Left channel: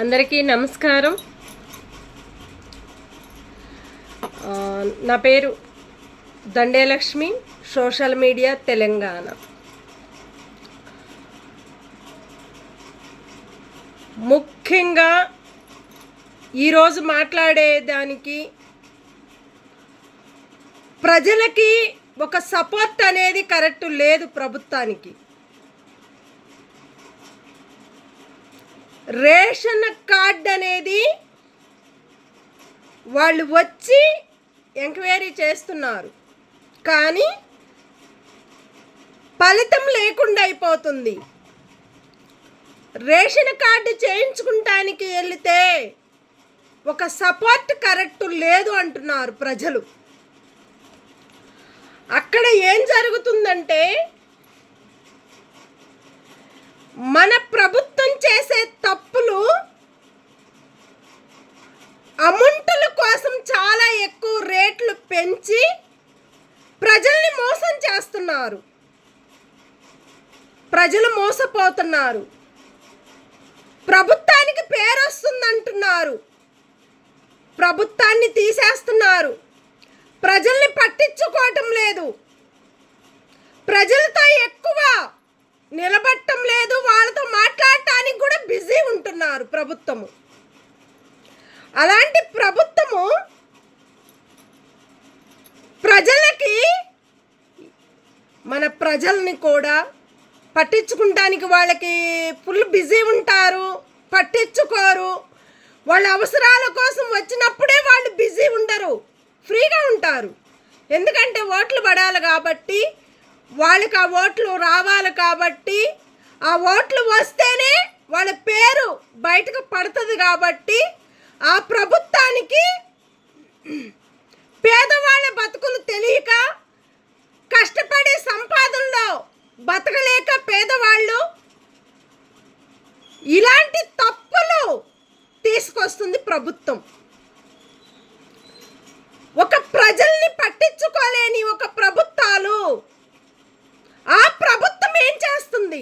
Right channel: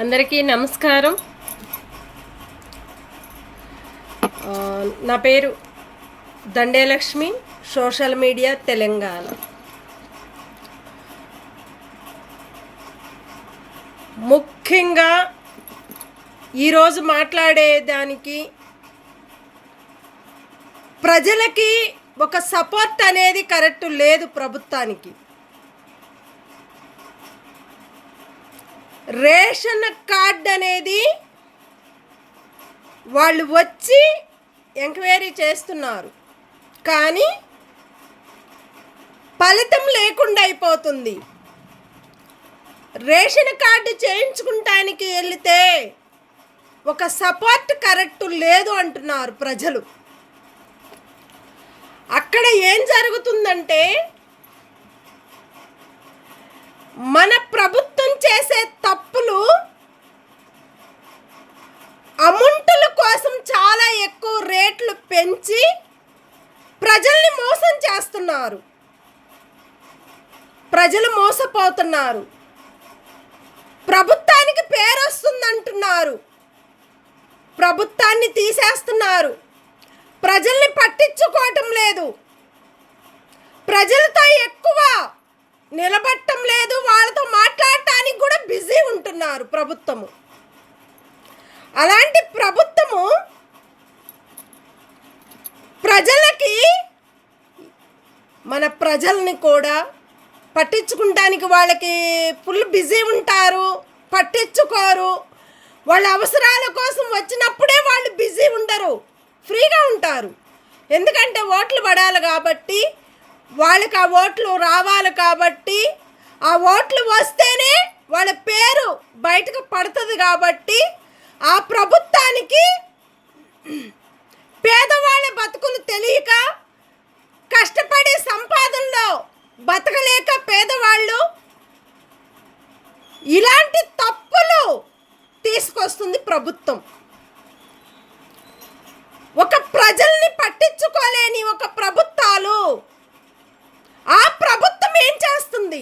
అందరికీ నమస్కారం. నా పేరు దండేలక్ష్మి, సోషల్ మీడియా తెలంగాణ. ముఖ్యంగా ఈరోజు మాట్లాడేదానికి ప్రజలకి ఒక సపోర్ట్ అనేది కరెక్ట్ లేదు. ప్రభుత్వానికి రేషన్ కార్డ్ అనేది వాళ్ళు వచ్చి ఎంక్వైరీ చేస్తున్నారు, కానీ ఫలితం లేకుండా అయిపోతుంది. రేషన్ కార్డు చేయించుకుంటానికి వెళితే ఒక సపోర్ట్ కరెక్ట్ లేదు అంటున్నారు ప్రజలు. అక్కడ ఏం జరుగుతుందంటే, మన ప్రభుత్వం చేసే తప్పులు అమౌంట్ల కోసం చాలా ఎక్కువ రేట్లు పెంచి ప్రజల్ని మోసం చేస్తున్నారు. ప్రజలు మోసపోతున్నారు. ప్రభుత్వానికి పేరు వస్తుందంటున్నారు, ప్రభుత్వాన్ని తీసేస్తున్నారు. ప్రజల్ని పట్టించుకోవటం లేదు, ప్రజలతో ఎక్కువ నిలబట్టం లేదు, వాళ్ళతో మాట్లాడటానికి కూడా బిజీ ఉంటున్నారు ప్రభుత్వము. అలాంటి ప్రభుత్వము ప్రజలకి, మన ప్రజల్ని కూడా పట్టించుకుంటానికి వాళ్ళకి ఫుల్ బిజీ ఉంటారు, పట్టించుకోరు. వాళ్ళ అవసరాల కోసం వచ్చినప్పుడే వాళ్ళు బిజీ ఉండరు, ఫ్రీగా ఉంటారు. ఎందుకంటే ఓట్లు పడాలి కాబట్టి, వాళ్ళకి ఆ ఓట్లు రావాలి కాబట్టి, ఆ ఓట్లు వస్తేనే వాళ్ళ పేరు బయటకు పడుతుంది కాబట్టి, ఆ ప్రభుత్వానికి పేదవాళ్ళ బతుకులు తెలియక, కష్టపడే సంపాదనలో బతకలేక పేదవాళ్ళు ఇలాంటి తప్పులు తీసుకొస్తుంది ప్రభుత్వం. ఒక ప్రజల్ని పట్టించుకోలేని ఒక ప్రభుత్వాలు, ఆ ప్రభుత్వం ఏం చేస్తుంది?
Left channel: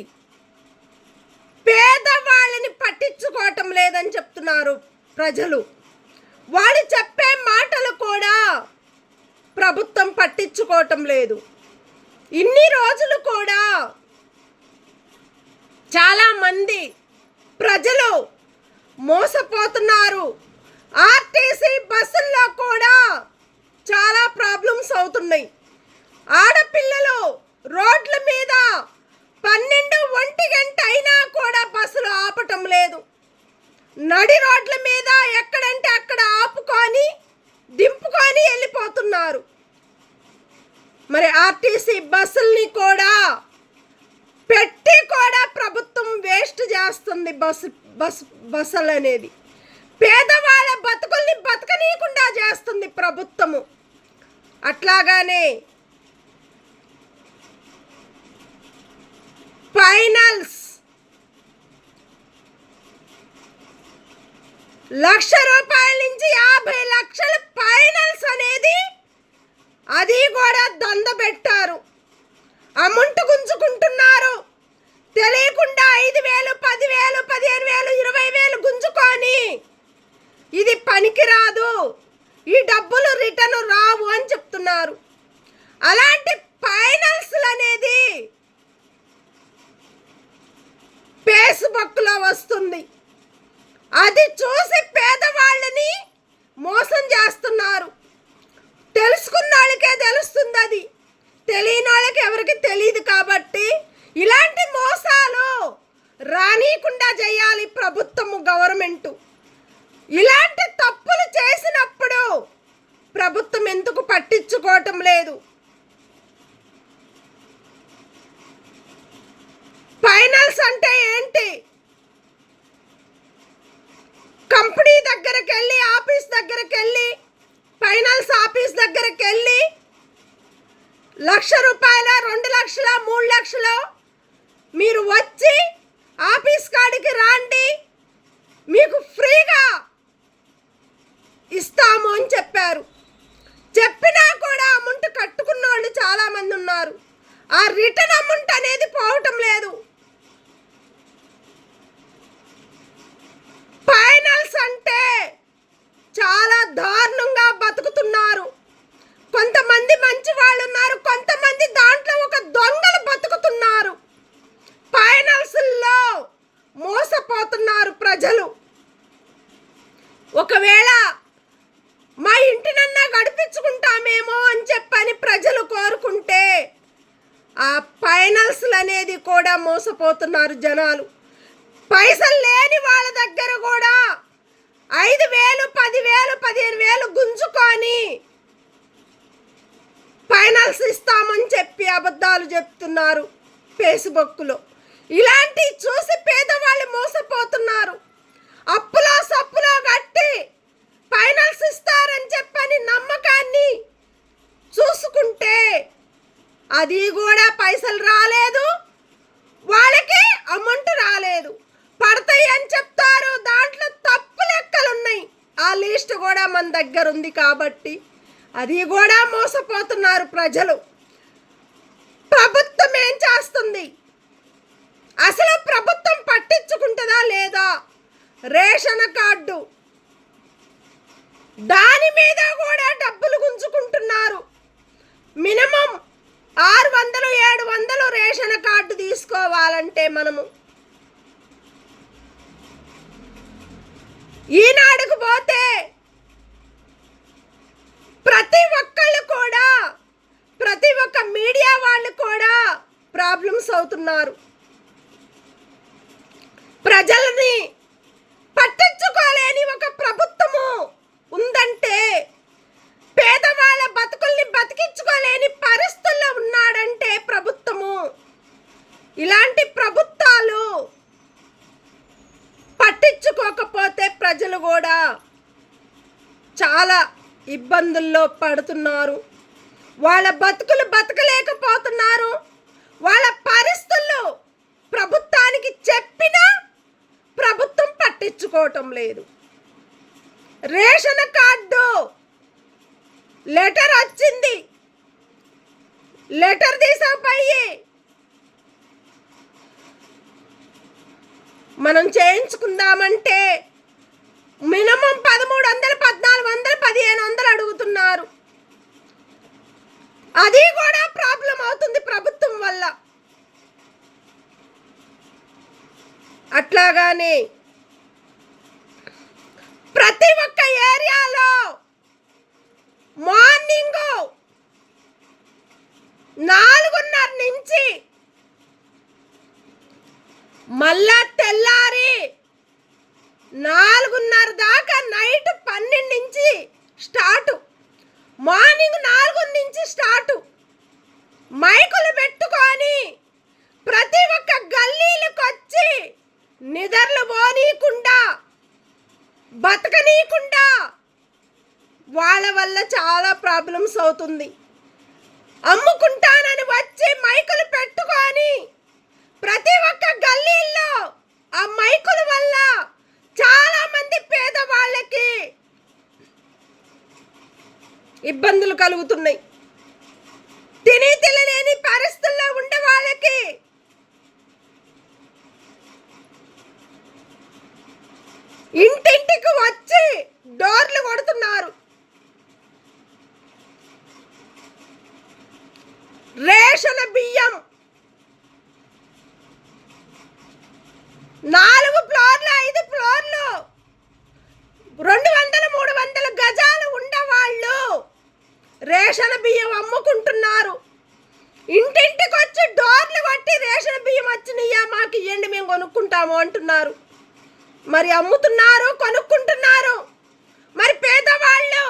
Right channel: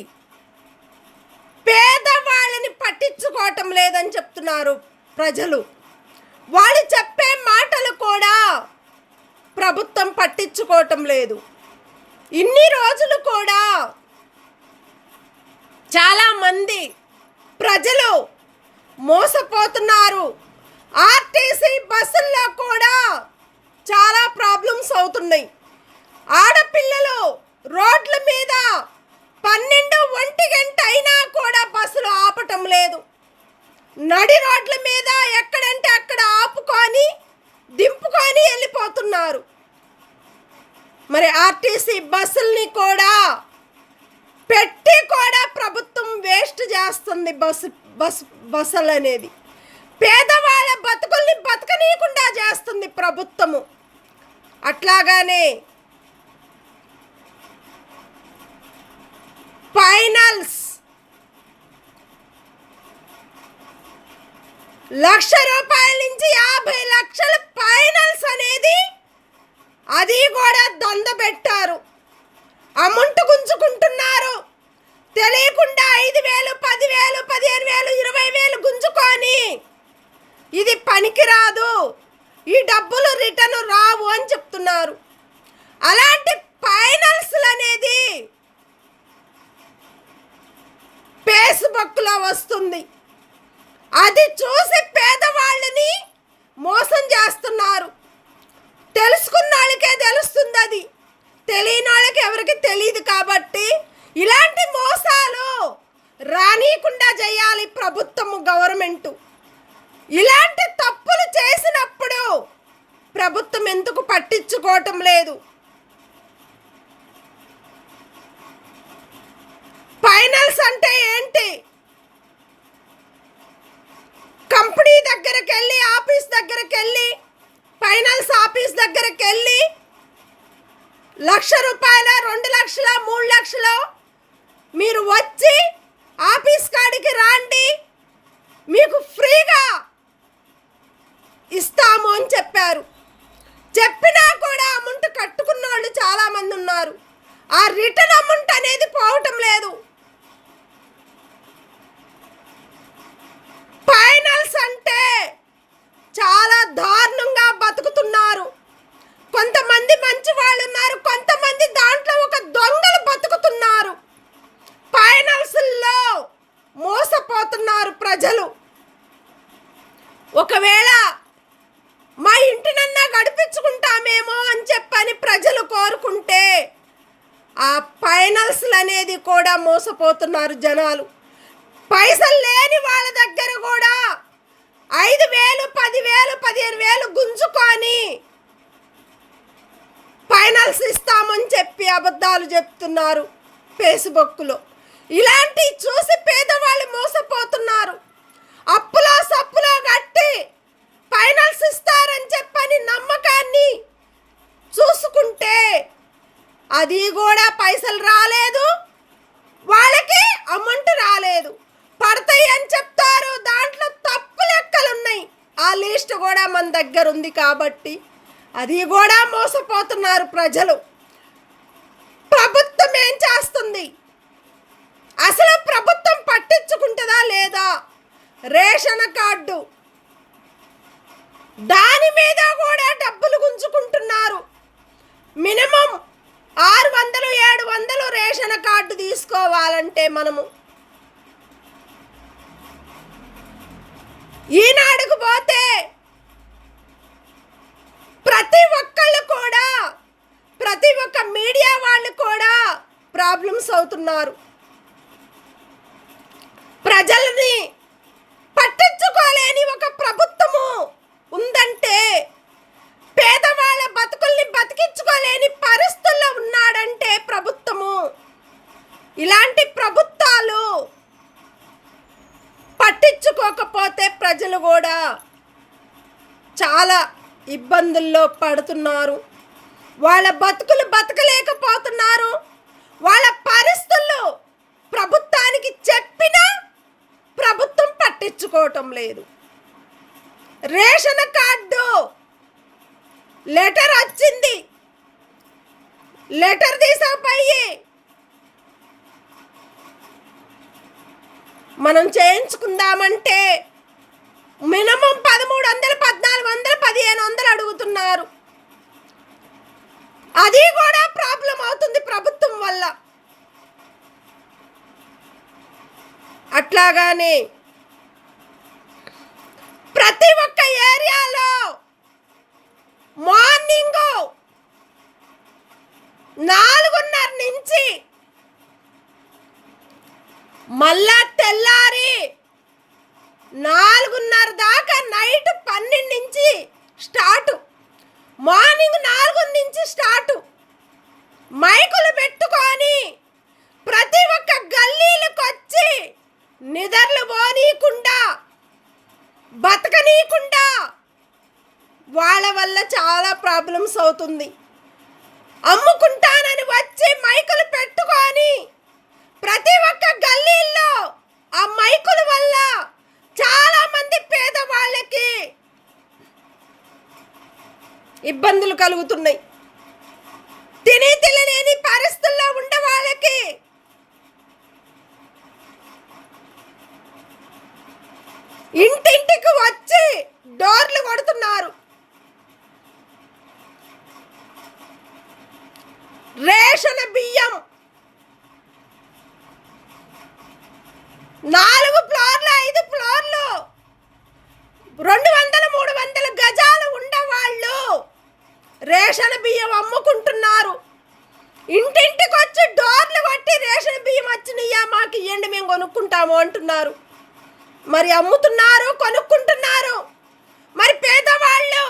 పేదవాళ్ళని పట్టించుకోవటం లేదని చెప్తున్నారు ప్రజలు. వాళ్ళు చెప్పే మాటలు కూడా ప్రభుత్వం పట్టించుకోవటం లేదు. ఇన్ని రోజులు కూడా చాలామంది ప్రజలు మోసపోతున్నారు. ఆర్టీసీ బస్సుల్లో కూడా చాలా ప్రాబ్లమ్స్ అవుతున్నాయి. ఆడపిల్లలు రోడ్ల మీద 12-1 గంట అయినా కూడా బస్సులు ఆపటం లేదు. నడి రోడ్ల మీద ఎక్కడంటే అక్కడ ఆపుకొని దింపుకొని వెళ్ళిపోతున్నారు. మరి ఆర్టీసీ బస్సుల్ని కూడా పెట్టి కూడా ప్రభుత్వం వేస్ట్ చేస్తుంది. బస్సులు అనేది పేదవాళ్ళ బతుకుల్ని బతకనీయకుండా చేస్తుంది ప్రభుత్వము. అట్లాగానే ఫైనల్స్ ₹1,00,000 నుంచి 50 లక్షల ఫైనల్స్ అనేది అది కూడా దొంద పెట్టారు. అమౌంట్ గుంజుకుంటున్నారు. తెలియకుండా 5,000, 10,000, 15,000, 20,000 గుంజుకొని ఇది పనికిరాదు, ఈ డబ్బులు రిటర్న్ రావు అని చెప్తున్నారు. అలాంటి ఫైనల్స్ అనేది ఫేస్బుక్లో వస్తుంది. అది చూసి పేదవాళ్ళని మోసం చేస్తున్నారు. తెలుసుకున్న వాళ్ళకే తెలుస్తుంది, అది తెలియని వాళ్ళకి ఎవరికి తెలియదు. కాబట్టి ఇలాంటి మోసాలు రానీయకుండా చేయాలి ప్రభుత్వము, గవర్నమెంటు. ఇలాంటి తప్పులు చేసినప్పుడు ప్రభుత్వం ఎందుకు పట్టించుకోవటం లేదు? ఫైనల్స్ అంటే ఏంటి? కంపెనీ దగ్గరికి వెళ్ళి, ఆఫీస్ దగ్గరికి వెళ్ళి, ఫైనాన్స్ ఆఫీస్ దగ్గరికి వెళ్ళి ₹1,00,000, 2 లక్షలు, 3 లక్షలు మీరు వచ్చి ఆఫీస్ కాడికి రాండి, మీకు ఫ్రీగా ఇస్తాము అని చెప్పారు. చెప్పినా కూడా అమౌంట్ కట్టుకున్న వాళ్ళు చాలామంది ఉన్నారు. ఆ రిటర్న్ అమౌంట్ అనేది పోవటం లేదు. ప్రజలు. ఒకవేళ మా ఇంటినన్నా గడిపించుకుంటామేమో అని చెప్పని ప్రజలు కోరుకుంటే ఆ ఫైనాన్స్లు అనేది కూడా మోసపోతున్నారు జనాలు. పైసలు లేని వాళ్ళ దగ్గర కూడా 5,000, 10,000, 15,000 గుంజుకొని ఫైనాన్స్ ఇస్తామని చెప్పి అబద్ధాలు చెప్తున్నారు ఫేస్బుక్లో. ఇలాంటి చూసి పేదవాళ్ళు మోసపోతున్నారు. అప్పులో సప్పులో కట్టి ఫైనాన్స్ ఇస్తారని చెప్పని నమ్మకాన్ని చూసుకుంటే అది కూడా పైసలు రాలేదు, వాళ్ళకి అమౌంట్ రాలేదు. పడతాయి అని చెప్తారు, దాంట్లో తప్పు లెక్కలున్నాయి. ఆ లిస్ట్ కూడా మన దగ్గర ఉంది కాబట్టి అది కూడా మోసపోతున్నారు ప్రజలు. ప్రభుత్వం ఏం చేస్తుంది? అసలు ప్రభుత్వం పట్టించుకుంటుందా లేదా? రేషన్ కార్డు దాని మీద కూడా డబ్బులు గుంజుకుంటున్నారు. మినిమం 600, 700 రేషన్ కార్డు తీసుకోవాలంటే మనము ఈనాడుకు పోతే ప్రతి ఒక్కళ్ళు కూడా, ప్రతి ఒక్క మీడియా వాళ్ళు కూడా ప్రాబ్లమ్స్ అవుతున్నారు. ప్రజల్ని పట్టించుకోలేని ఒక ప్రభుత్వము ఉందంటే, పేదవాళ్ళ బతుకుల్ని బతికించుకోలేని పరిస్థితుల్లో ఉన్నాడంటే ప్రభుత్వము. ఇలాంటి ప్రభుత్వాలు పట్టించుకోకపోతే ప్రజలు కూడా చాలా ఇబ్బందుల్లో పడుతున్నారు. వాళ్ళ బతుకులు బతకలేకపోతున్నారు. వాళ్ళ పరిస్థితులు ప్రభుత్వానికి చెప్పినా ప్రభుత్వం పట్టించుకోవటం లేదు. రేషన్ కార్డు లెటర్ వచ్చింది, లెటర్ తీసుకుపోయి మనం చేయించుకుందామంటే మినిమం 1300, 1400, 1500 అడుగుతున్నారు. అది కూడా ప్రాబ్లం అవుతుంది ప్రభుత్వం వల్ల. అట్లాగానే ప్రతి ఒక్క ఏరియాలో మార్నింగ్ 4:30 నుంచి మళ్ళా తెల్లారి 4:30 దాకా నైట్ 12 నుంచి స్టార్ట్. మార్నింగ్ 4 నుంచి స్టార్ట్. మైకులు పెట్టుకొని ప్రతి ఒక్క గల్లీలకు వచ్చి నిద్రలు పోనీయకుండా, బతకనీయకుండా వాళ్ళ వల్ల చాలా ప్రాబ్లమ్స్ అవుతుంది. అమ్ముకుంటానని వచ్చి మైకులు పెట్టుకొని ప్రతి ఒక్క గల్లీల్లో ఆ మైకుల వల్ల చాలా మంది పేదవాళ్ళకి ఇబ్బందులు కలుగుతున్నాయి. తినలేని పరిస్థితుల్లో ఉండే వాళ్ళకి ఇంటింటికి వచ్చి డోర్లు కొడుతున్నారు. రేషన్ బియ్యం 4 ఫ్లోర్లు, 5 ఫ్లోర్లు, 200, 300 గజాలు ఉండేవాళ్ళు రేషన్ బియ్యం అమ్ముకుంటున్నారు. ఇంటింటికి వచ్చి డోర్లు కొట్టి రేషన్ బియ్యం వచ్చినాయా మాకు ఇవ్వండి, మేము కొనుక్కుంటాము అంటున్నారు. మరి అమ్ముతున్నారు, కొనుక్కుంటున్నారు. మరి పేదవాళ్ళు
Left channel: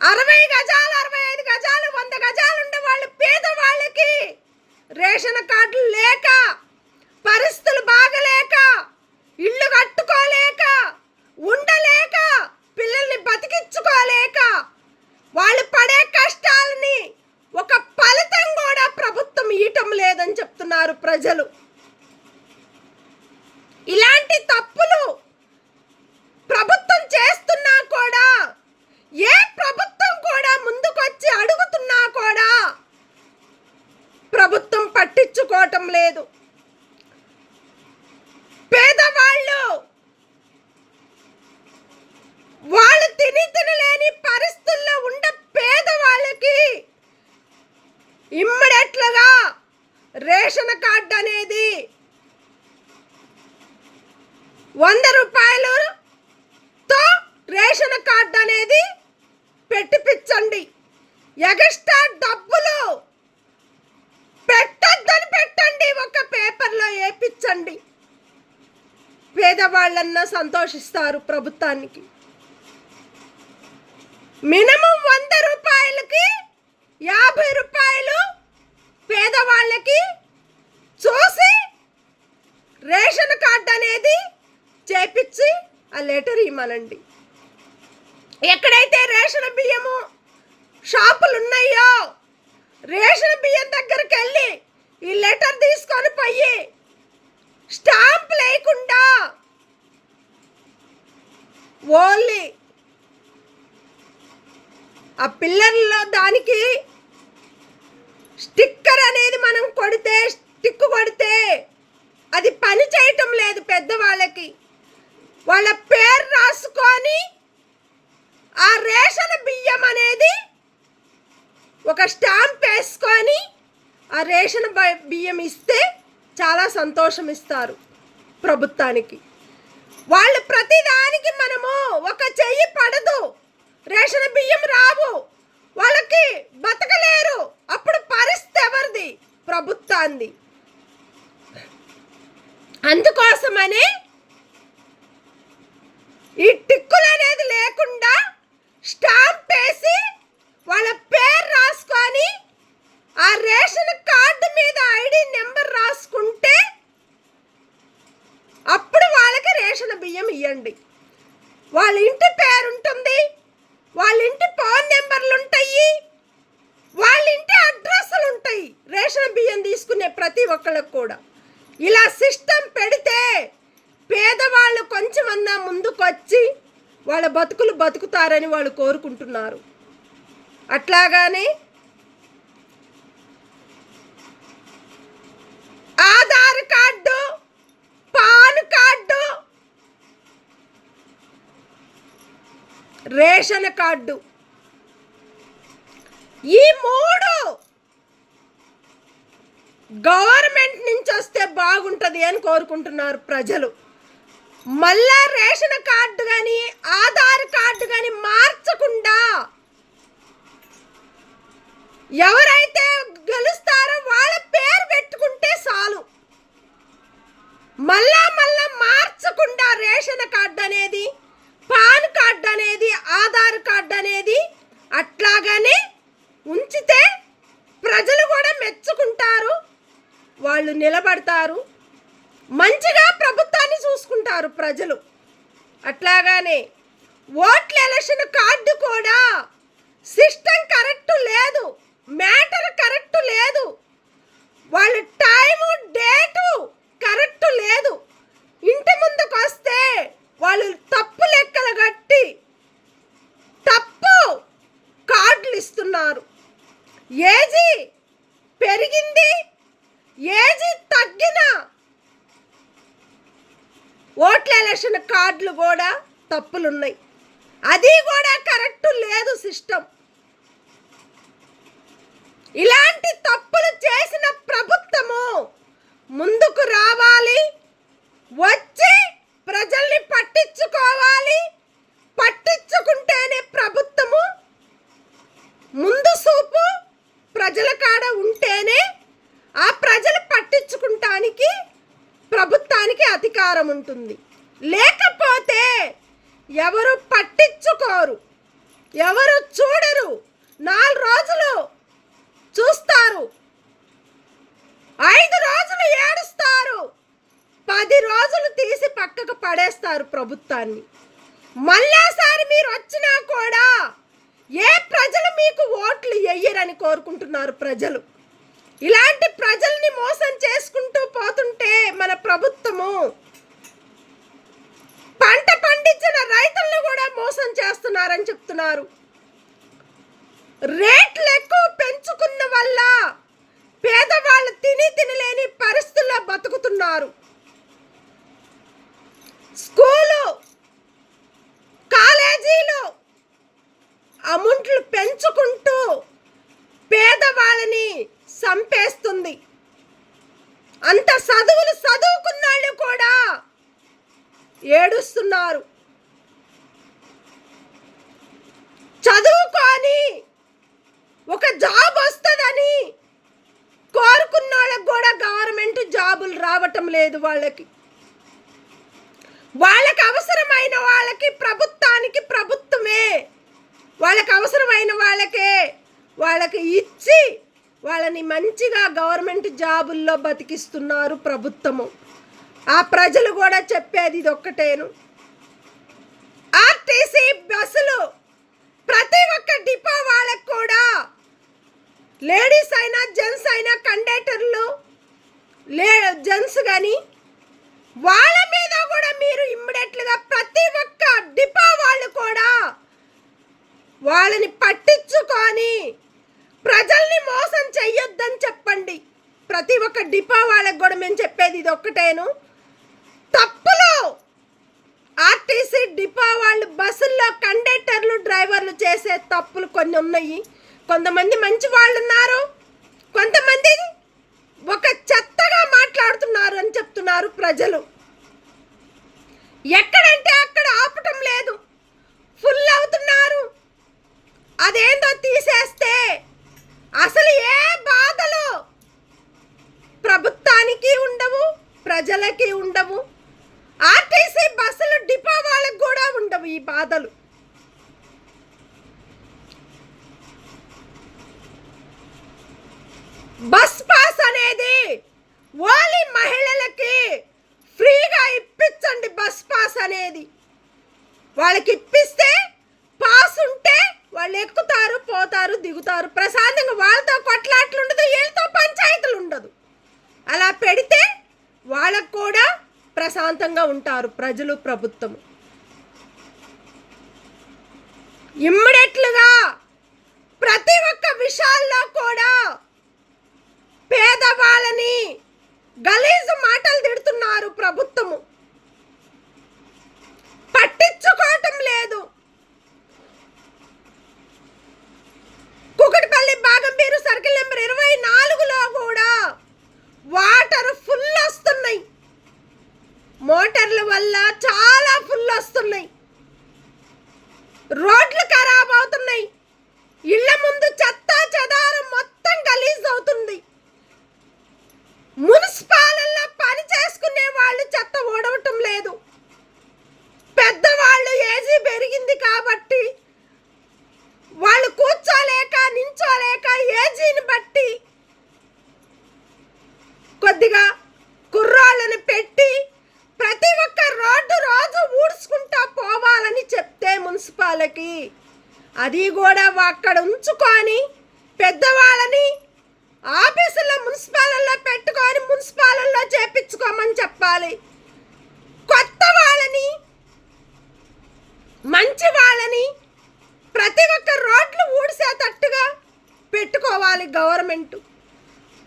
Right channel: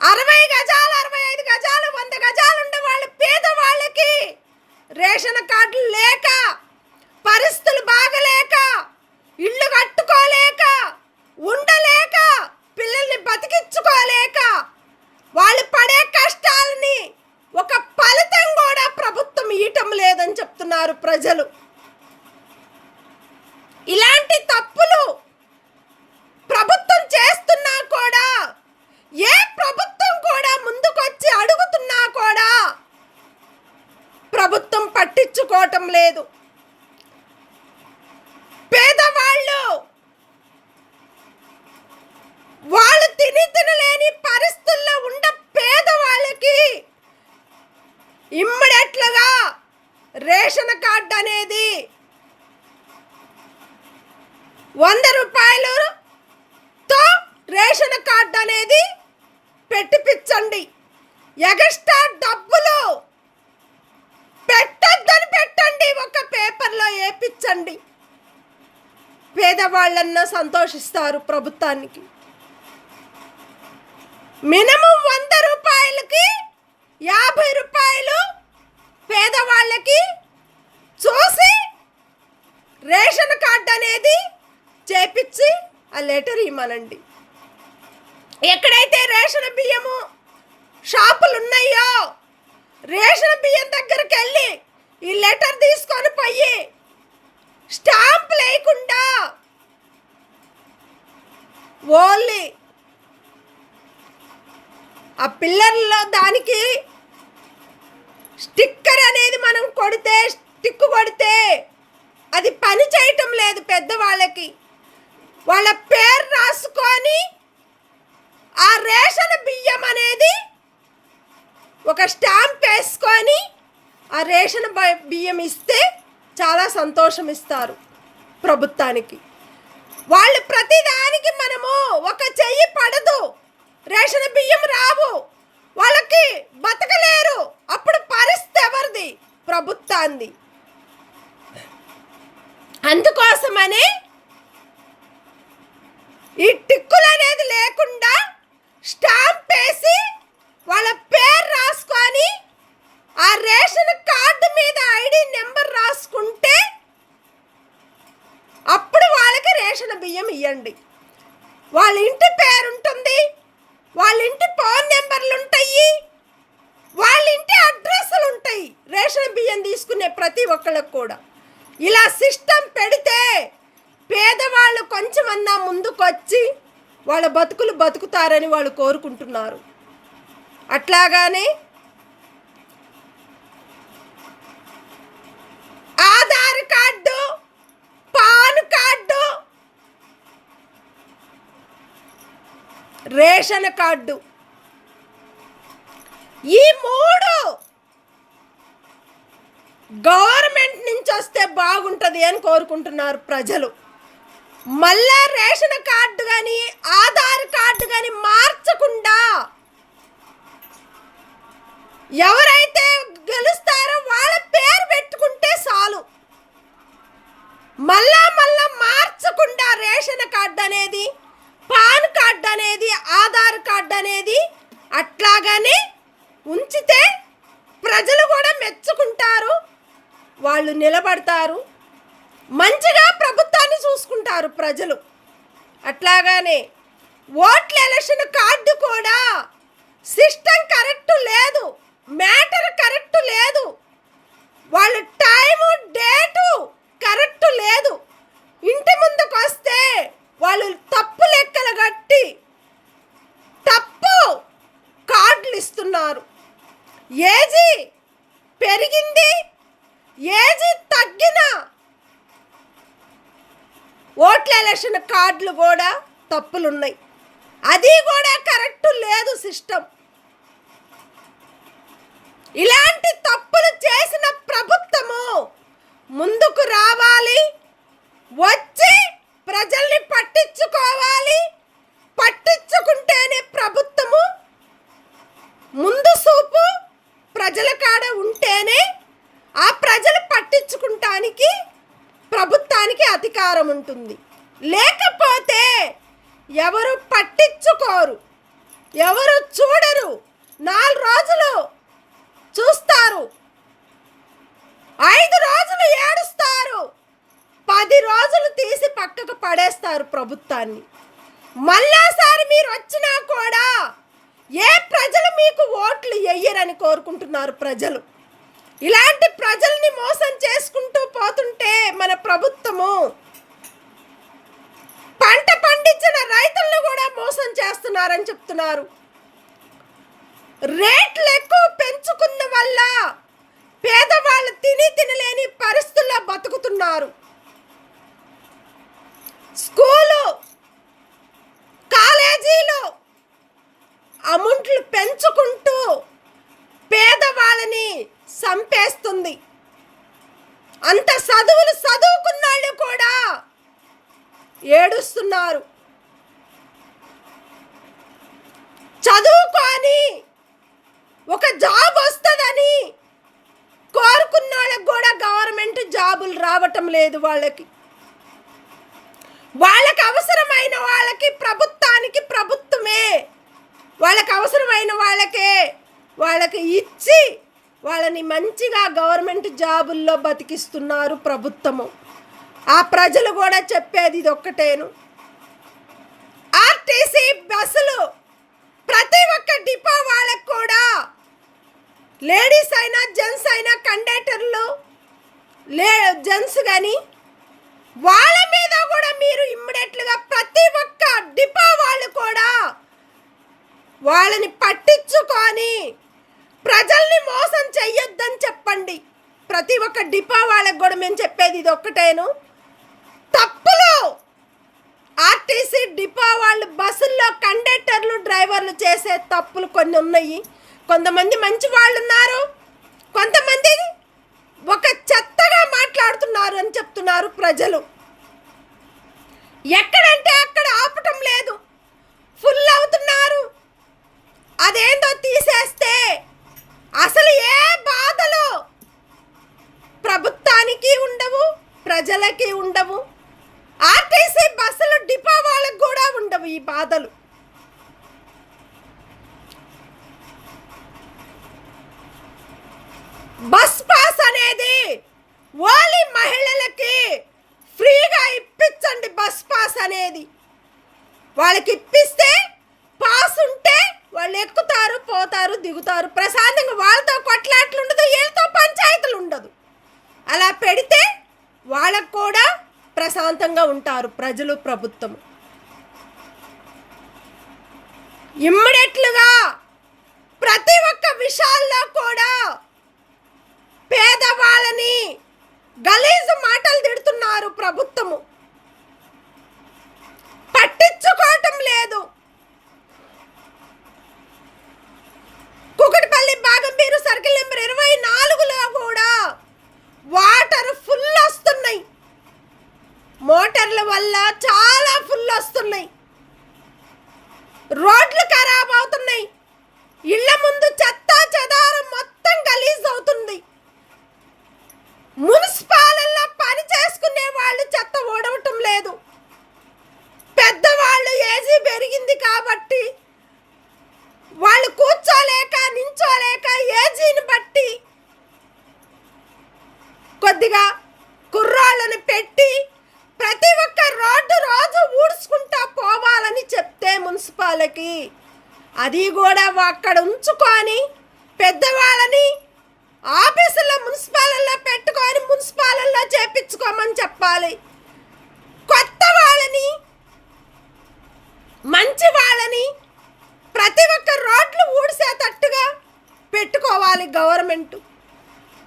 60 గజాలు, 65 గజాలు, 100 గజాలు ఉండే వాళ్ళు పేదవాళ్ళకి రేషన్ కార్డులు లేక, పరిస్థితులు బాగలేక, ఇల్లు కట్టుకోలేక, ఉండలేక, పిల్లల్ని బతికించుకోలేక వాళ్ళు పడే కష్టాలని ఒక ఫలితం కూడా ప్రభుత్వం ఇవ్వటం లేదని చెప్తున్నారు ప్రజలు. ఇలాంటి తప్పులు ప్రభుత్వం చేస్తున్నా కూడా, ఏ ప్రభుత్వం కూడా ముందుకొచ్చి అడుగుతున్నా కూడా ప్రభుత్వం పట్టించుకోవటం లేదు. పేదవాళ్ళు వాళ్ళు తినలేని పరిస్థితుల్లో ఉండే పేదవాళ్ళకి ఇమ్మీడియట్లుగా రేషన్ కార్డు అనేది 100 రూపాయలతో రేషన్ కార్డు అనేది పెట్టిపించండి. ఎగస్ట్రా డబ్బులు పెట్టొద్దని పెట్టండి, ఒక పేపర్లో వేయించండి. పేదవాళ్ళన్నా సంతోషిస్తారు ప్రభుత్వానికి. మినిమం 100 రూపాయలకి 50 రూపాయలు పేదవాళ్ళకి చూసి రేషన్ కార్డు అనేది చేపించి ఆ లెటర్ ఇవ్వమనండి. ఎక్కడైతే రేషన్ బియ్యము షాపులు ఉన్నాయో రేషన్ బియ్యం దగ్గరికి వెళ్ళి ఈ లెటర్ తీసుకొని పోయి స్టాంప్ లేకుండా ఓన్లీ ఆ పిల్లర్లో దానికి స్టిక్కర్ అనేది మనం స్టిక్ కొడితే అది పని చేయటం లేదు. పెద్దవాళ్ళకి వాళ్ళ పేరు రాసుకొని ఆ రేషన్ బియ్యం అనేది ఒక స్టాంప్ వేసుకొని ఆ రేషన్ బియ్యం ఇస్తే చాలా సంతోషం ఇస్తారు ప్రభుత్వానికి. వాళ్ళు ప్రతిదానికి మనము ఒక చెయ్యి పడదు, రేషన్ బియ్యం రావు, వాళ్ళకి బతకలేరు. అప్పుడు పరిస్థితి ఎవరిది? ప్రభుత్వాన్ని. అందుకోసమనే ఈ టిక్కులు అనేది లేకుండా స్టాంప్ వేసి వాళ్ళ పేరు రాసుకొని ఆ రేషన్ కార్డు మీద ఐడి నెంబర్ రాసుకుంటే అప్పుడు వాళ్ళకి రేషన్ బియ్యం ఇవ్వండి. వాళ్ళ ఇంటి పేరు ఉంటుంది, వాళ్ళ ఇంటి ఫోన్ నెంబర్లు ఉంటాయి, వాళ్ళ ఇంటి అడ్రస్లు ఉంటాయి రేషన్ బియ్యం తీసుకునే ప్రతి ఒక్కళ్ళకి కూడా. ఇలా సిస్టమ్ పెడితే పేదవాళ్ళు కొంచెమన్నా ముందుకొచ్చి వాళ్ళ బతుకులు బతుకుతారని వాళ్ళు కోరుకుంటున్నారు. అట్లాగానే Aadhaar card, PAN card, ration card, ఈ 3 గవర్నమెంట్ నుంచి వస్తే బాగుంటుంది అని కోరుకుంటున్నారు ప్రజలు. మళ్ళా రేషన్ కార్డు కానీ ఆధార్ కార్డు కానీ మార్చకుండా ఎవరైతే గెలుస్తారో వాళ్ళ పేరు పెట్టుకుంటే చాలు. మళ్ళా మార్చకుండా రేషన్ కార్డు అనేది, పాన్ కార్డు అనేది, ఆధార్ కార్డు అనేది అట్లాగానే ఉంచితే ప్రజలు కూడా మెచ్చుకుంటారు, వాళ్ళు నిలబడతారు, మంచిగా ప్రభుత్వాన్ని చూసుకుంటారు ప్రజలు. అట్లాగానే ఓట్ల ఎలక్షన్ కార్డు కూడా సిస్టమ్ కరెక్ట్ లేదు, మ్యాటర్ కరెక్ట్ లేదు, వాళ్ళ టైము డేటు కరెక్ట్ లేదు. ఇంటి ముందుకు వస్తే వాళ్ళు తప్పు లెక్కలు కట్టి తప్పు కార్డులు ఇస్తున్నారు. ఏజీ పెరిగింది, ఏజీ తగ్గిన ఓట్ల ఎలక్షన్ కార్డులు కూడా తప్పులున్నాయి. అది కూడా కరెక్ట్ లేదు సిస్టమ్. ఇలాంటి తప్పులు చేసిన ప్రభుత్వము ముందుకు రావాలి, వచ్చి ప్రజల్ని పట్టించుకోవాలి. పట్టించుకుంటేనే ప్రభుత్వము ముందు చూపు ప్రజల కాడ ఉంటేనే ఆ ప్రజలు పట్టించుకుంటానికి ప్రభుత్వానికి అధికారం ఉంటుంది. లేకపోతే ఎవరు పట్టించుకోరు, ఎవరు చూడరు. 4 రోజులు చూస్తారు, 5 రోజులు ఏడుస్తారు, 10 రోజులు తీసి పక్కకు పడేస్తారు ప్రభుత్వాన్ని. మళ్ళాసారి మీరు వచ్చినా కూడా ఏ ప్రజలు మీకు ఓట్లు వేయరని కోరుకుంటున్నారు ప్రజలు. ఇలాంటి ప్రజల్ని మోసం చేసుకుంటూ పోతుంటే మన ప్రభుత్వము పంట పండించిన రైతులను కూడా మోసం చేస్తున్నారని చెప్తున్నారు. రేట్లు ఎక్కువ పెంచుకున్న వల్ల పేదవాళ్ళు తినలేని పరిస్థితుల్లో బతుకుతున్నారు. స్కూలు, కాలేజీలు అమౌంట్లు పెంచుకుంటూ పేదవాళ్ళని చంపేస్తుంది. అంత చదువుకున్నాళ్ళు కూడా ఏడుస్తున్నారు. చదువుకొని ఒక జాబ్ వస్తుందని కోరుకున్న వాళ్ళకి కూడా గవర్నమెంట్ జాబులు రావటం లేదు. వాళ్ళకి అవసరమైన వాళ్ళకి ప్రభుత్వానికి ప్రభుత్వమే, వాళ్ళకి అవసరమైన వాళ్ళకి ఇచ్చి వాళ్ళని మంచిగా గవర్నమెంట్ జాబుల్లో బతికిస్తున్నారు ప్రభుత్వము. ఆ ప్రజలు కూడా చెప్పేది ఇది ఒక్కటేను. ఆర్టీసీ బస్సులు ప్రతి ఒక్క డిపో వాళ్ళకు కూడా లేడీస్ అయినా జెంట్స్ అయినా కండక్టర్లు జెంట్స్ కానీ వాళ్ళ మీద కూడా మీరు ఇమ్మీడియట్గా ప్రతి ఒక్క డిపో వాళ్ళు కూడా వాళ్ళని పట్టించుకొని ప్రజల్ని మోసం చెయ్యొద్దని చెప్పండి. ప్రతి ఒక్క డిపో వాళ్ళకు కూడా మేము చెప్పేది ఇది ఒక్కటేను. తప్పులు ఆర్టీసీ డిపో వాళ్ళు బస్సుల్లో కండక్టర్లు డ్రైవర్లు చేసే తప్పులు కొన్ని ఉన్నాయి. కొంతమంది మంచి వాళ్ళు ఉన్నారు, కొంతమంది ఒక చెత్తగా మాట్లాడుతున్నారు అని చెప్తున్నారు ప్రజలు. ఎక్కడంటే అక్కడ ఆపటం లేదు, ఫుల్ అవుతున్నారు. అదేందో తీసేస్తే అసలు ఏ బాధలు ప్రభుత్వానికి ఉండవు, ప్రజలకి ఉండవు, ఆర్టీసీ బస్సులు డిపో వాళ్ళకు కూడా ఉండవు ఈ బాధలు. బస్ పాస్ అనేది ఓన్లీ మహిళలకి ఫ్రీగా ఇప్పించండి. బస్ పాస్ అనేది వాళ్ళకి ఇప్పిస్తే పాస్ ఉంటే వాళ్ళు ఎక్కుతారు, పోతారు, దిగుతారు ప్రశాంతంగా. వాళ్ళతో కొట్లాట్లు ఉండదు, వీళ్ళతో పంచాయతీలు ఉండదు. అలా పెడితే వాళ్ళకు కూడా ప్రశాంతంగా ఉంటారు ప్రజలు, ప్రభుత్వం. ఇమ్మీడియట్లుగా ప్రతి ఒక్క విషయాల్లో కూడా పేదవాళ్ళని గలీజు మాటలు తిడుతున్నారు ప్రభుత్వము, పట్టించుకోవటం లేదు. కుకటిపల్లి బాగంపేరు సర్కిల్ నెంబర్ 24లో కూడా వాటర్ ఫుల్ వస్తున్నాయి. మోటార్ల వల్ల చాలా ఫుల్ వస్తున్నాయి. రోడ్లు ఖరాబ్ అవుతున్నాయి. ఇళ్ల ముందు చెత్త చెదారం మొత్తం గలీజ్ అవుతుంది. మున్సిపాలల్లో పని చేసుకునే వాళ్ళు చెత్త ఓడవటం లేదు. పెద్దవాళ్ళు ఏజీ పెరిగింది కాబట్టి వాళ్ళు కూర్చోలేక నించోలేక ఏజీని బట్టి కొద్దిగా కుర్రాళ్ళని పెట్టి ప్రతి ఒక్క రోడ్డు రోజు ఊడ్చుకుంటా పోవాలని చెప్తే మున్సిపాలిటీకి అది కూడా అక్కడ ఉంచుకొని పెద్దవాళ్ళని ఆఫీసుల్లో మున్సిపాలల్లో పెట్టుకొని మున్సిపాలల్లో చేపించుకోమని చెప్పాలి. కొత్త వాళ్ళని మంచి వాళ్ళని ప్రతి ఒక్క రోడ్లు ఊడ్చేటట్టుగా పెట్టుకోవాలి గవర్నమెంట్.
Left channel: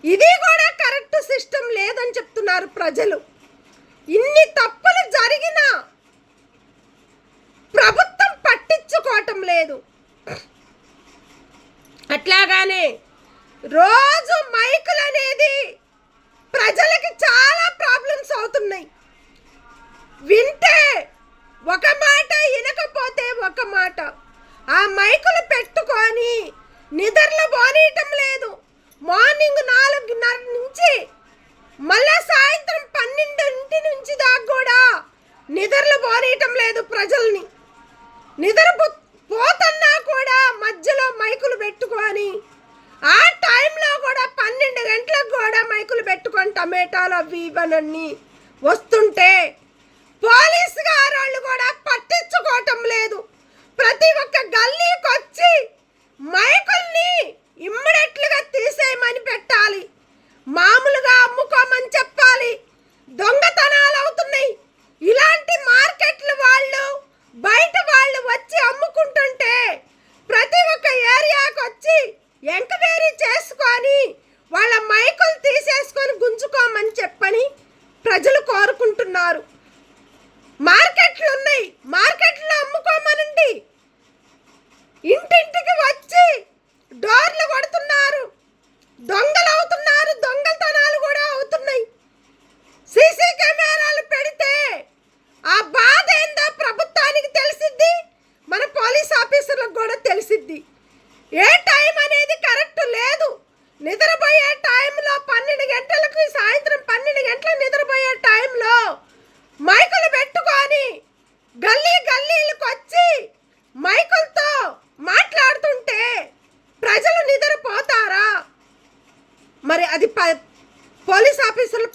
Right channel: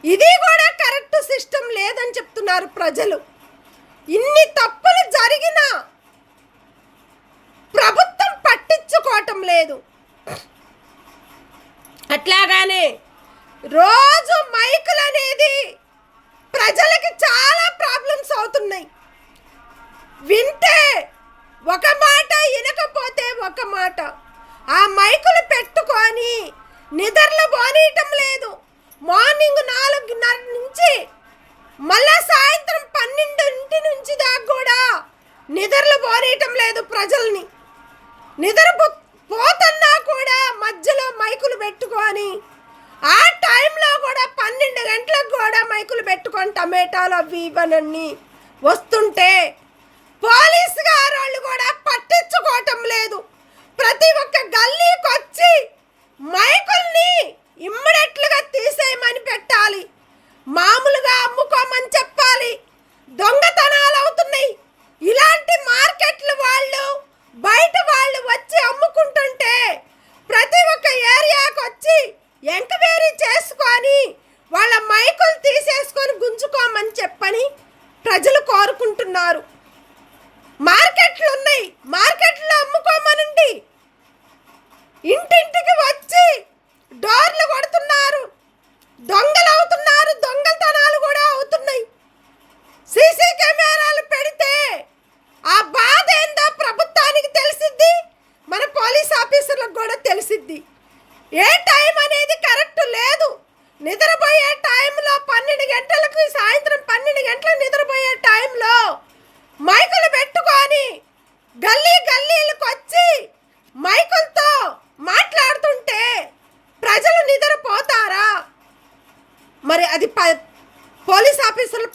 ఇది కూడా కరెక్ట్ సిస్టమ్ లేదని చెప్తున్నారు ప్రజలు. ఇన్ని తప్పులు జరిగినా ప్రభుత్వం పట్టించుకోవటం లేదు. అట్లాగానే రోజు మైకులు అనేది ప్రజలకి చాలా ప్రాబ్లమ్స్ అవుతున్నాయి. వింటే ఒక మాట, వినకపోతే ఒక మాట. ఆ మైకులు పెట్టుకొని నిద్రలు పోనీయటం లేదు. మార్నింగ్ 4:30 నుంచి మళ్ళా సాయంత్రం 12 నుంచి దాకా కూడా నిద్రలు పోనీయటం లేదు ప్రజల్ని. నిద్ర పోతున్నా కూడా మధ్యలో మైకులు పెట్టుకొని ఆ టైంలో కూడా 12 గంటలకు కూడా మైకులు పెట్టుకొని టమాటాలు అవి ఇవన్నీ వస్తుంటే పోలీసు గారు కూడా పట్టించుకోవటం లేదు. ప్రతి ఒక్క గల్లీకి వచ్చి మైకుల్ని ఇమ్మీడియట్లుగా తీసేయమని పెట్టాలి. మామూలుగా అమ్ముకోమని చెప్పాలి. దొంగతనాలు అవుతున్నాయి. ఇలాంటి మార్కెట్లు వాళ్ళు బయట వాళ్ళు వచ్చి అమ్ముకుంటుంటే ప్రతి ఒక్క ఏరియాకి వచ్చి ఎంక్వైరీ చేసుకొని వాళ్ళ మైకులు తీసేసుకొని గుంజుకోమని చెప్పని ప్రజలు కోరుకుంటున్నారు.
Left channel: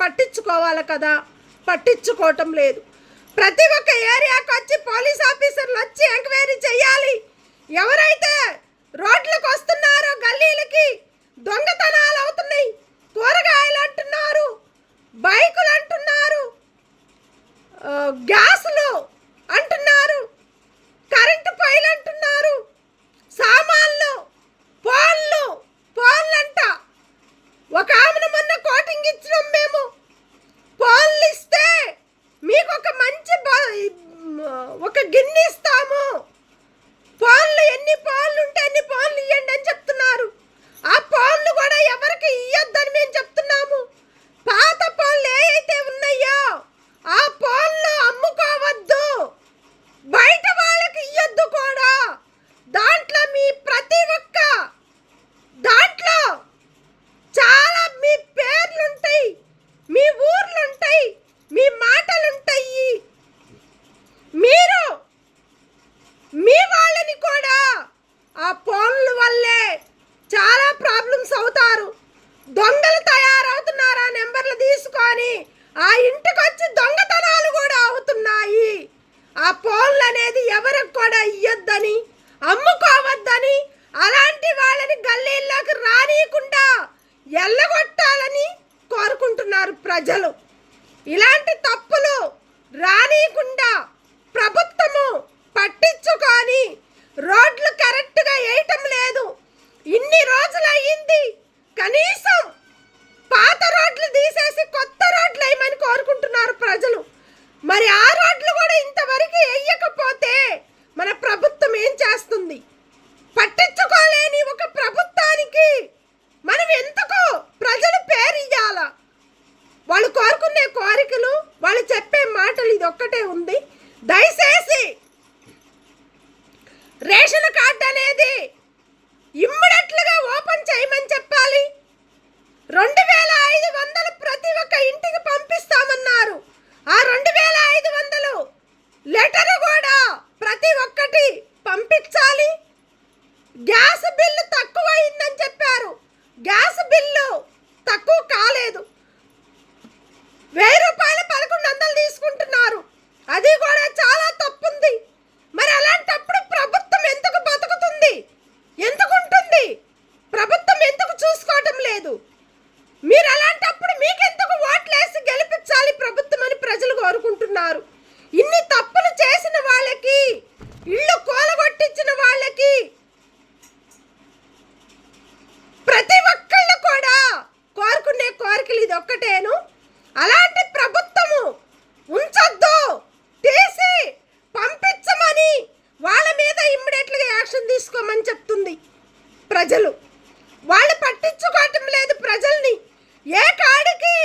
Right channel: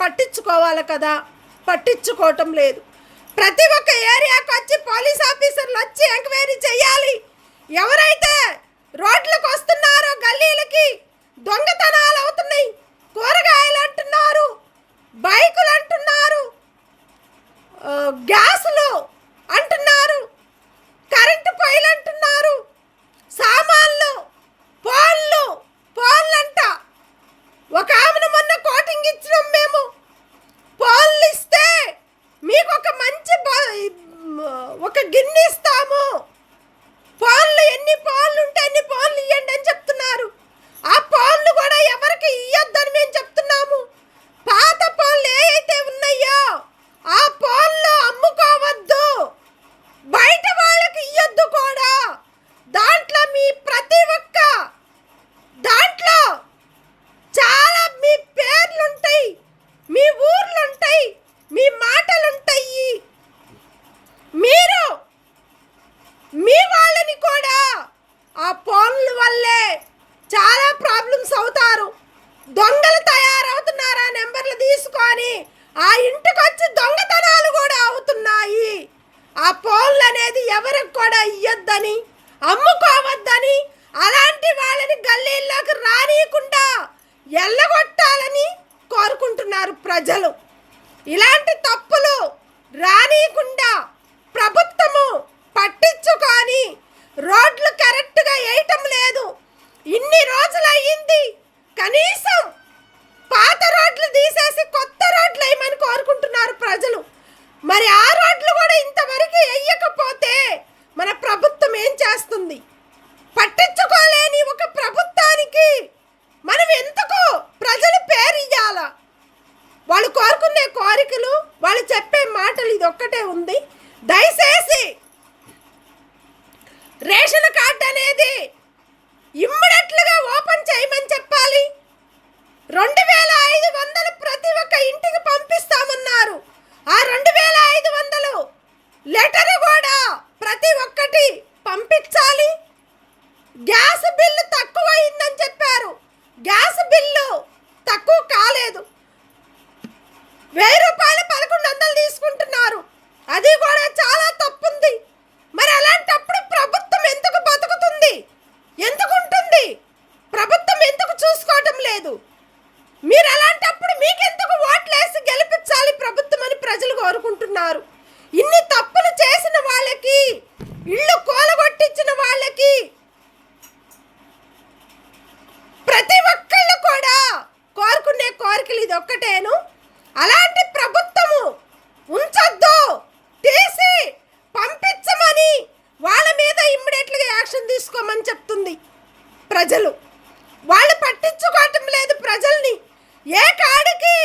పట్టించుకోవాలి కదా, పట్టించుకోవటం లేదు. ప్రతి ఒక్క ఏరియాకి వచ్చి పోలీస్ ఆఫీసర్లు వచ్చి ఎంక్వైరీ చేయాలి. ఎవరైతే రోడ్లకు వస్తున్నారో గల్లీలకి దొంగతనాలు అవుతున్నాయి, కూరగాయలు అంటున్నారు, బైకులు అంటున్నారు, గ్యాసులు అంటున్నారు, కరెంటు పొయ్యిలు అంటున్నారు, సామాన్లు, ఫోన్లు అంట. ఒక ఆమెను మొన్న కోటింగ్ ఇచ్చినాం మేము. ఫోన్లు ఇస్తే మీకు ఒక మంచి ఒక గిన్నె ఇస్తాము, ఫోన్లు ఎన్ని ఫోన్లు ఉంటే అన్ని ఫోన్లు ఇవ్వండి అని చెప్తున్నారు. ఆ ఫోన్లు కూడా ఎవరికి ఇవ్వద్దని మేము చెప్తున్నాము. పాత ఫోన్లు ఏవైతే ఉన్నాయో ఆ ఫోన్లు అమ్ముకోవద్దు, బయట వాళ్ళకి ఇవ్వద్దు కూడా. దాంట్లో మీ ప్రతి ఒక్క దాంట్లో చాలా మీ పేర్లుంటాయి, మీ ఊర్లుంటాయి, మీ మాటలుంటాయి. మీరు మీ వాళ్ళని కూడా ఆ ఫోన్ల వల్లే చాలా ప్రాబ్లమ్స్ అవుతారు. దొంగలు తయారవుతున్నారు ఆ నెంబర్లు తీసుకొని. ఆ ఇంటికి వచ్చి దొంగతనాలు కూడా అవుతున్నాయి. ఆ ఫోన్లు అనేది ఎవరికి కూడా ఇయ్యొద్దని, అమ్ముకోవద్దని, అలాంటి వాళ్ళని గల్లీల్లోకి రానియకుండా ఎల్లగొట్టాలని కోరుకుంటున్నారు ప్రజలు. ఇలాంటి తప్పులు రానియకుండా ప్రభుత్వము పట్టించుకొని రోడ్లు కరెక్ట్గా వేయటం లేదు. ఇన్ని రోజులు అయ్యింది, కనీసం పాత రోడ్లు తీసేసి కొత్త రోడ్లు వేయమని కోరుకుంటున్నారు ప్రజలు. మరి ఆ రోడ్లు కూడా ఇంతవరకు వేయకపోతే మన ప్రభుత్వం ఏం చేస్తుంది? పట్టించుకోలేని ఒక ప్రభుత్వానికి మనం ఎందుకు ప్రజలు పేరు ఇవ్వాలా? వాళ్ళు కోరుకునే కోరికలు, వాళ్ళు చెప్పే మాటలు ఇది ఒక్కటే ఉంది. దయచేసి రేషన్ కార్డు అనేది ఇమ్మీడియట్లుగా ఓపెన్ చేయమని చెప్పాలి. 2500 ప్రతి ఒక్క ఇంటికి పంపిస్తామన్నారు. ఆ 2500 లెటర్ కూడా ప్రతి ఒక్కటి పంపించాలి. గ్యాస్ బిల్లు తక్కువైందని చెప్పారు, గ్యాస్ బిల్లు తక్కువ కాలేదు. 1000 రూపాయలు 1100 తీసుకుంటున్నారు, అది కూడా చాలా తప్పుంది. మరి అలాంటప్పుడు ప్రభుత్వం ఎందుకు బతుకుతుంది? ఎందుకు ఉంటుంది? ప్రభుత్వం ఎందుకు చూసుకోవటం లేదు? మీరు అలాంటప్పుడు మీకెందుకు ఓట్లేసి గెలిపించాలి ప్రభుత్వం అని ప్రజలు కోరుకుంటున్నారు. ఇన్ని తప్పులు చేసిన వాళ్ళకి, ఇళ్ళు కూలగొట్టించిన వాళ్ళకి ప్రతి ఒక్కళ్ళు కూడా కోరుకునే కోరికలు ఇది ఒక్కటేను. అలాంటి ప్రభుత్వము ఉంచొద్దు, తీసి పంపించమని వాళ్ళ మీద ఇమ్మీడియట్గా యాక్షన్ తీసుకోమని చెప్తుంది ప్రజలు. వాళ్ళు పట్టించుకోవటం లేదు ప్రజల్ని. ఏ కాడికి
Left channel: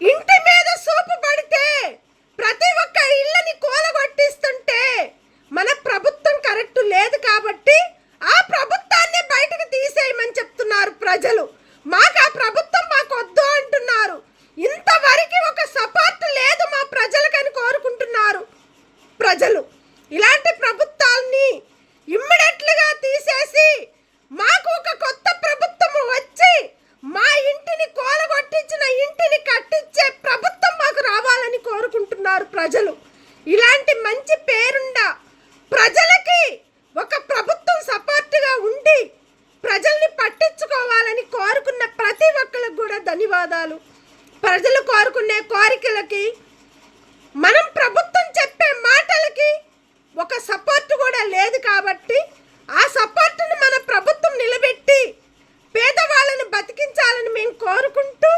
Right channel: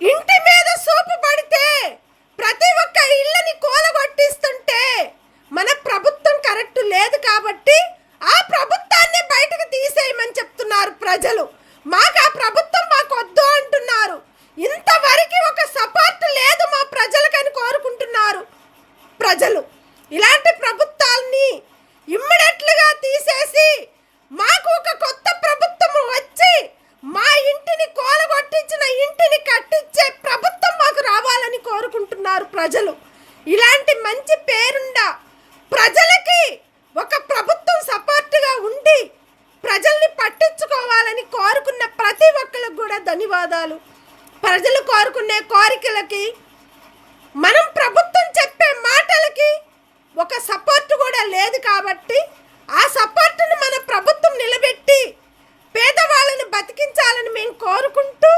ఇంటి మీద సూపు పడితే ప్రతి ఒక్క ఇళ్ళని కూలగొట్టిస్తుంటే మన ప్రభుత్వం కరెక్ట్ లేదు కాబట్టి ఆ ప్రభుత్వాన్ని బయటకు తీసేయమని చెప్తున్నారు ప్రజలు. మాకు ఆ ప్రభుత్వం మాకు వద్దు అంటున్నారు. ఇంతవరకు ఒక సపోర్ట్ లేదు మా ప్రజలకని కోరుకుంటున్నారు ప్రజలు. ఇలాంటి ప్రభుత్వాన్ని ఇమ్మీడియట్లుగా తీసేసి మాకు ఒక కొత్త ప్రభుత్వం వచ్చి మా ఇంటిని కూలగొట్టించిన ఇంటిని కట్టించే ప్రభుత్వం మాకు రావాలని కోరుకుంటున్నారు ప్రజలు. ఇలాంటి మంచి పేరుండ ప్రజలకి ఒక ప్రభుత్వం సపోర్ట్గా ఉండి ప్రజల్ని పట్టించుకోవాలని కోరుకున్న ప్రతి ఒక్కరికి కూడా ధన్యవాదాలు. ప్రజలు కోరుకునే కోరికలకి, మనం ప్రభుత్వం చెప్పే మాటలకి ఒక సపోర్ట్ కూడా లేదు కాబట్టి ఆ సపోర్టును మన ప్రభుత్వం నిలబెట్టి పేదవాళ్ళని బతికించాలని మేము కోరుకుంటూ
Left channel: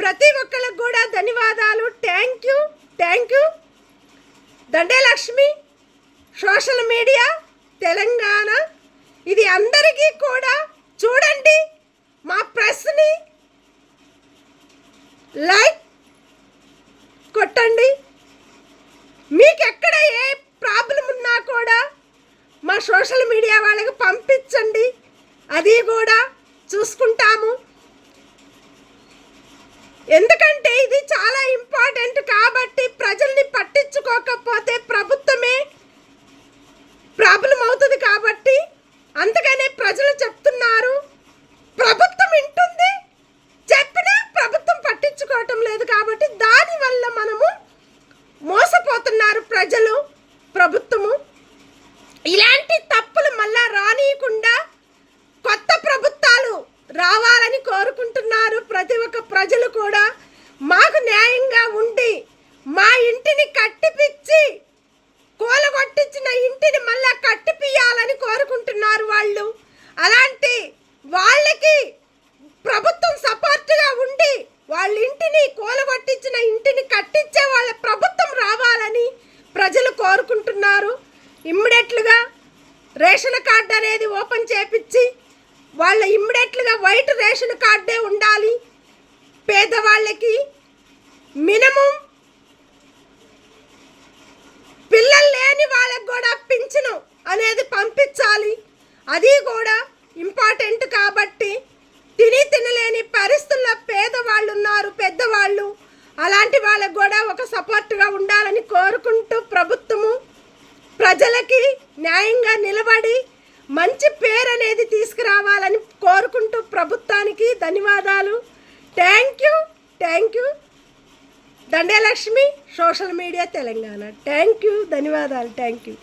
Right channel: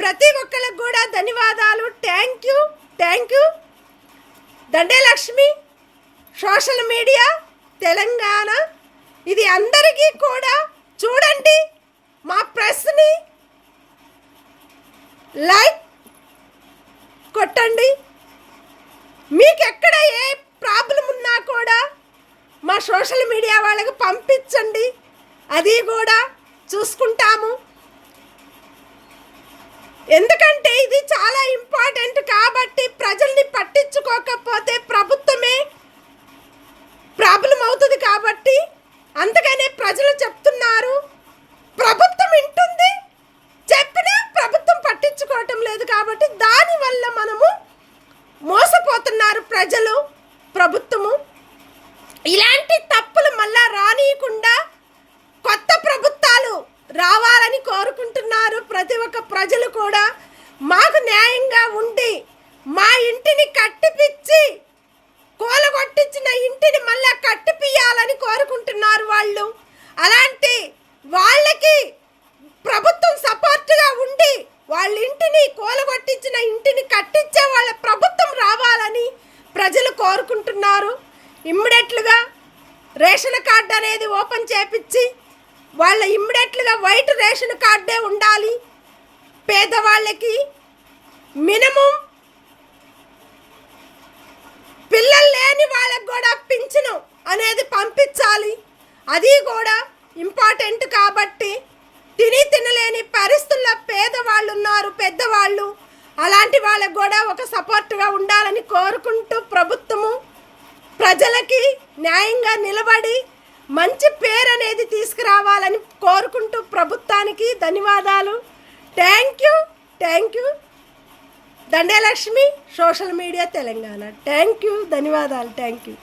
ప్రతి ఒక్కరికి కూడా ధన్యవాదాలు. Thank you. Dande Lakshmi, social media Telangana. ఇది అందరికీ కూడా చూడండి. మా ప్రెస్ని లైక్ కొట్టండి. మీకు ఎక్కడ ఏ ప్రాబ్లం ఉన్నా కూడా మా సోషల్ మీడియా వాళ్ళకి పంపించండి, అది కూడా చూసుకుంటాము. ఎందుకంటే ఇది చాలా ఇంపార్టెంట్ కాబట్టి ప్రజల్ని పట్టించుకోకపోతే ప్రభుత్వమే ప్రాబ్లం అవుతుంది కాబట్టి అందుకనే ప్రజలు చెప్తున్నారు. ప్రభుత్వం వింటుంది, చెప్పినా కోరుకుంటున్నారు ప్రజలు, ప్రభుత్వము. ఇలాంటి తప్పులు మళ్ళా రానియకుండా కొత్త ప్రభుత్వాలు రావాలని కోరుకుంటున్నారు ప్రతి ఒక్క ప్రజలు కూడా. మాకు న్యాయంగా ఉండి మా ఇంటిని కట్టిపిచ్చి కూలగొట్టించిన ఇంటిని మళ్ళా కట్టిపియాలని కోరుకుంటున్నారు వాళ్ళు. అలాంటి వాళ్ళకి ప్రభుత్వం సపోర్ట్గా ఉండి వాళ్ళ ఇంటిని కూలగొట్టించిన ఇంటిని కట్టించే వాళ్ళ ప్రభుత్వం రావాలని ప్రజలు కోరుకుంటున్నారు. ఇమ్మీడియట్లుగా రేషన్ కార్డు అనేది ఓపెన్ చేపించి వాళ్ళ ఇమ్మీడియట్లుగా వైట్ రేషన్ కార్డే ఉండాలి. పేదవాళ్ళకి మినిమం పిల్లలు లేని వాళ్ళకి కూడా పింఛను అనేది పంపించాలి. అది కూడా ఇంపార్టెంట్. కాబట్టి తినలేని పరిస్థితుల్లో పేదవాళ్ళు ఉన్నారు, పెద్దవాళ్ళు. అలాంటి వాళ్ళకు కూడా ఒక సపోర్ట్గా ఉండాలని కోరుకుంటూ ప్రభుత్వము ప్రజలకి న్యాయంగా నిలబడి మంచి పేరు అనేది తీసుకురావాలని కోరుకుంటూ ప్రభుత్వానికి ధన్యవాదాలు. Thank you. Dande Lakshmi, social media Telangana. Thank you, ధన్యవాదాలు. Thank you.